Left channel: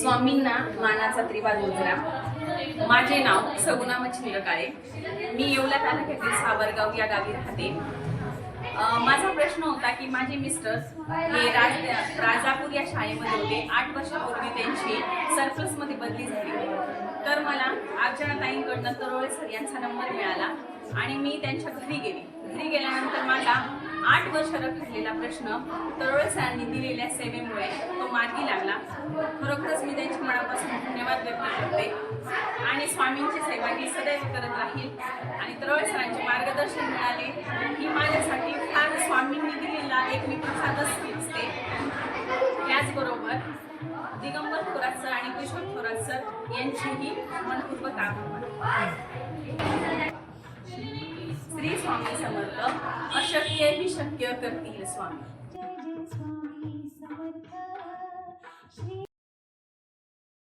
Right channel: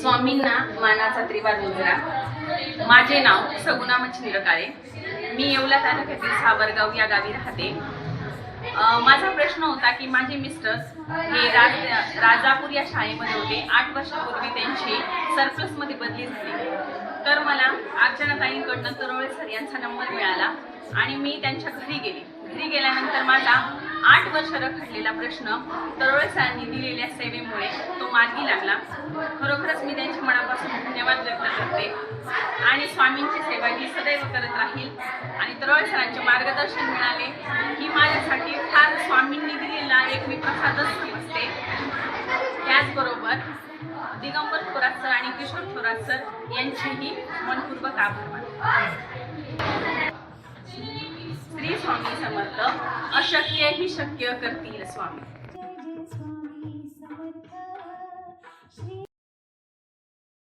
स्वामींना मानाचा त्रिवार उजरा. माझे नाव सगुणा मच्छिंद्र काळे मी येवला तालुक्यातील सावरगाव या गावी राहते. माझा प्रश्न होता की माझे मिस्टर हे राज राजापूर या शाळेमध्ये होते. आठ वर्षापूर्वी त्यांची सरप्लसमध्ये बदली झाली. तर मला अर्चनाताईंकडनं तरोळे सर यांचा नंबर मिळाला आणि मी त्यांच्या घरी गेले. घरी गेल्यानंतर माझा आठ वर्ष रखडलेला प्रश्न तरोळे सरांनी दिलेल्या सेवेमुळे तो मार्गी लागला. खरोखरच मी त्यांच्या मनापासून धन्यवाद व्यक्त करते. आणि स्वामींची सेवा ही सदैव करत राहील. आणि तरोळे सरांचे मार्गदर्शन मिळाले ही माझ्यासाठी फार स्वामींनी दिलेला एक मी प्रसादच समजते. त्याचबरोबर दिगंबर थोरात सर आणि किशोर थोरात सर यांचेही मनपूर्वक आभार मानते. स्वामी समर्थ. अशक्य ही शक्य करतील स्वामी.